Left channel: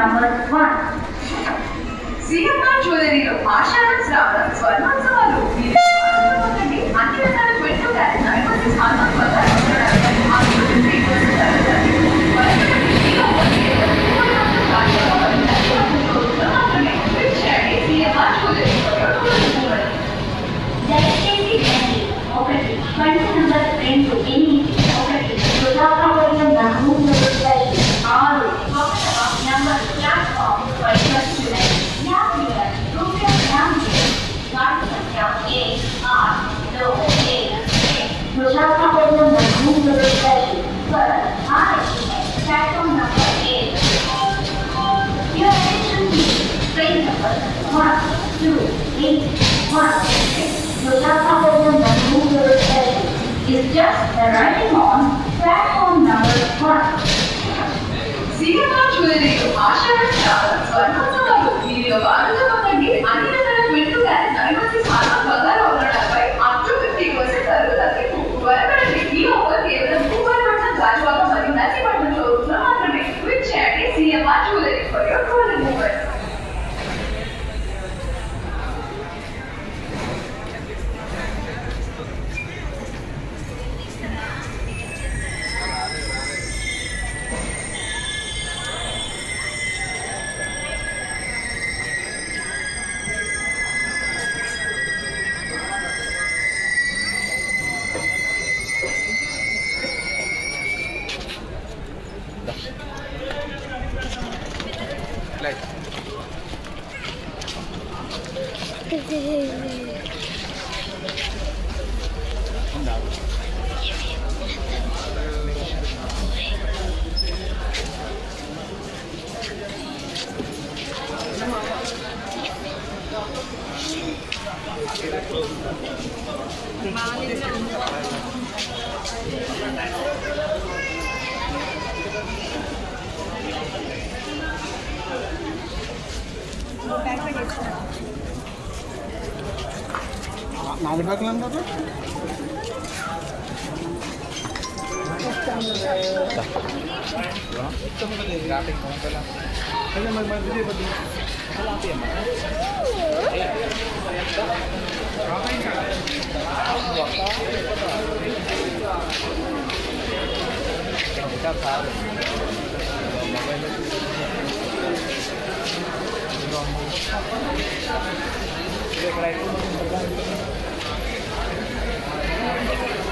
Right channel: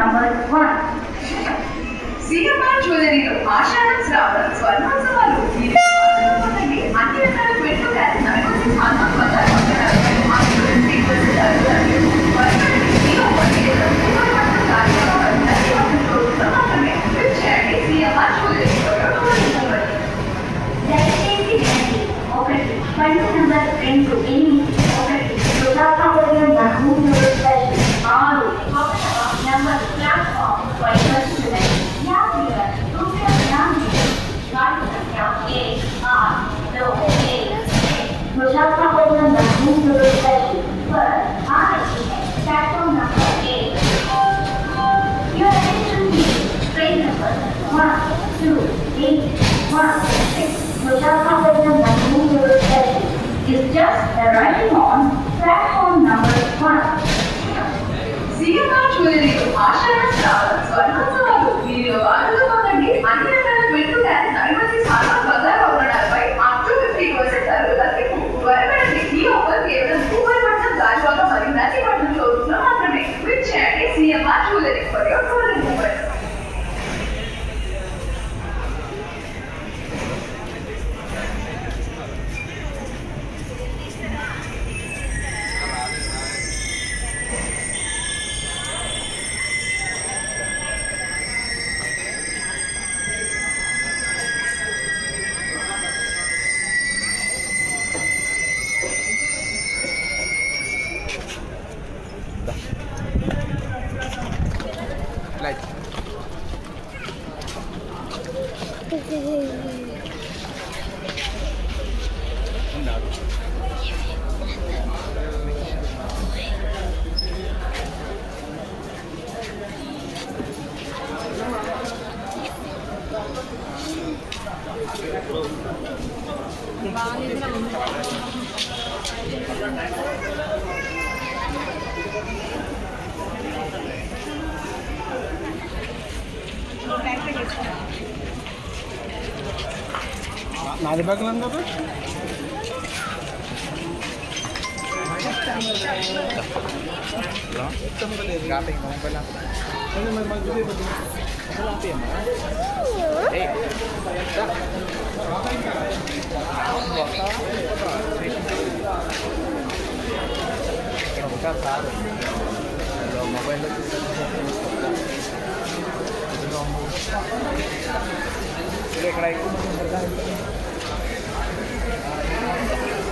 number 1. CMR Jewelry లో ఆషాఢం శ్రావణ స్వర్ణోత్సవాలు అన్ని రకాల 22 క్యారెట్ డైమండ్స్ హాల్మార్క్ బంగారం Vishakapatnam platform number 8. Your attention please. Train number 1281 Vishakapatnam is just arriving on platform number 1. CMR Jewelry లో ఆషాఢం శ్రావణ స్వర్ణోత్సవాలు వీరిలో భాగంగా పొందండి అన్ని రకాల 22 క్యారెట్ డైమండ్స్ హాల్మార్క్ బంగారం ఆభరణాలపై అప్ టు 50% తరుగుదలకి త్వరపడండి. ఈ ఆఫర్ కేవలం సూపర్ఫాస్ట్ గాజువాక మరియు నర్సీపట్నం షోరూమ్స్ లో మాత్రమే. విచ్చేయండి CMR Jewelry for your golden moment. నాది పక్కన ఉన్నది మొబైల్